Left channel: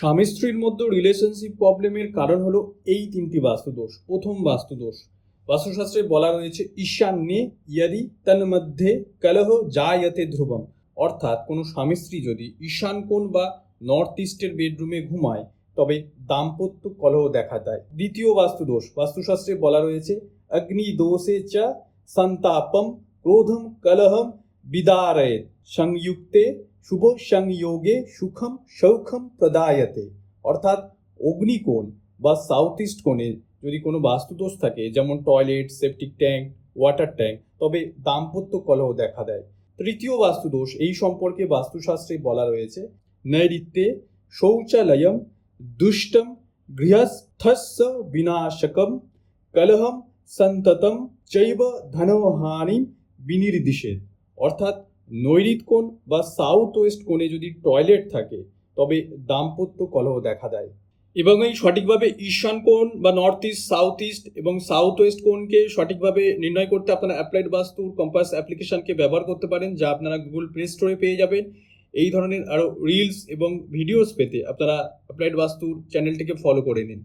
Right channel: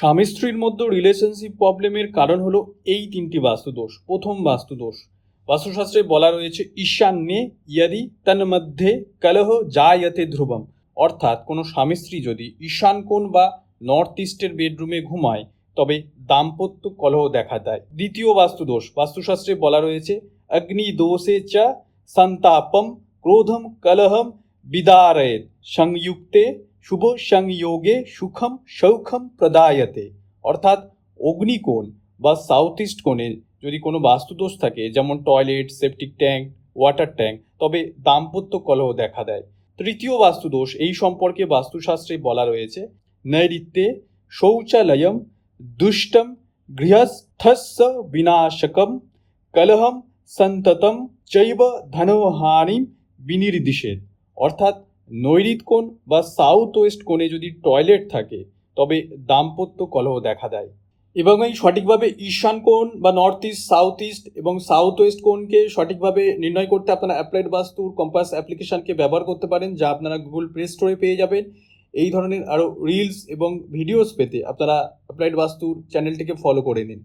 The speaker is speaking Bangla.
স্বামী স্ত্রীর মধ্যে রিলেশনশিপ প্রবলেমের কারণ হলো এই তিনটি বাস্তুদোষ। প্রথম বাস্তুদোষ, বাস্তুশাস্ত্রে বলা রয়েছে ঈশান্যে ইয়াদি তন্মধ্যে কলহ জায়তে ধ্রুবম, অর্থাৎ কোনো স্বামী স্ত্রী যদি ঈশান কোণ বা নর্থ ইস্টের বেডরুমে ঘুমায় তবে দাম্পত্য কলহ দেখা দেয়। দ্বিতীয় বাস্তুদোষ, বাস্তুশাস্ত্রে বলা রয়েছে অগ্নিদোষে চ সন্তাপম ক্রোধম কলহম বিদারয়েত সংযুক্তে শুভ সংযোগে সুখম সৌখম প্রদায়তে, অর্থাৎ অগ্নিকোণ বা সাউথ ইস্ট কোণে যদি কোনো বাস্তুদোষ থাকে, যেমন toilet, septic tank, water tank, তবে দাম্পত্য কলহ দেখা দেয়। তৃতীয় বাস্তুদোষ, এই সম্পর্কে বাস্তুশাস্ত্রে বলা রয়েছে নৈরিত্যে শৌচালয়ম দুষ্টম গৃহস্থস্য বিনাশকম কলহম সন্ততম চৈব ধনহানিম বিনির্দিশেত, অর্থাৎ নৈরিত কোণ বা সাউথ ওয়েস্ট কোণে যদি টয়লেট থাকে তবে দাম্পত্য কলহ দেখা দেয়। এবং এই সঠিকভাবে ঈশান কোণ বা নর্থ ইস্ট, সাউথ ইস্ট এবং সাউথ ওয়েস্ট কোণকে সঠিকভাবে নির্ণয় করতে আপনারা অ্যাপ্লাইড বাস্তুর কম্পাস অ্যাপ্লিকেশনকে ব্যবহার করতে পারেন, যা আপনারা গুগল প্লে স্টোরে পেয়ে যাবেন। এই ধরনের আরও রিলস এবং ভিডিওস পেতে আপনারা অ্যাপ্লাইড বাস্তুর চ্যানেলটিকে ফলো করে নিন।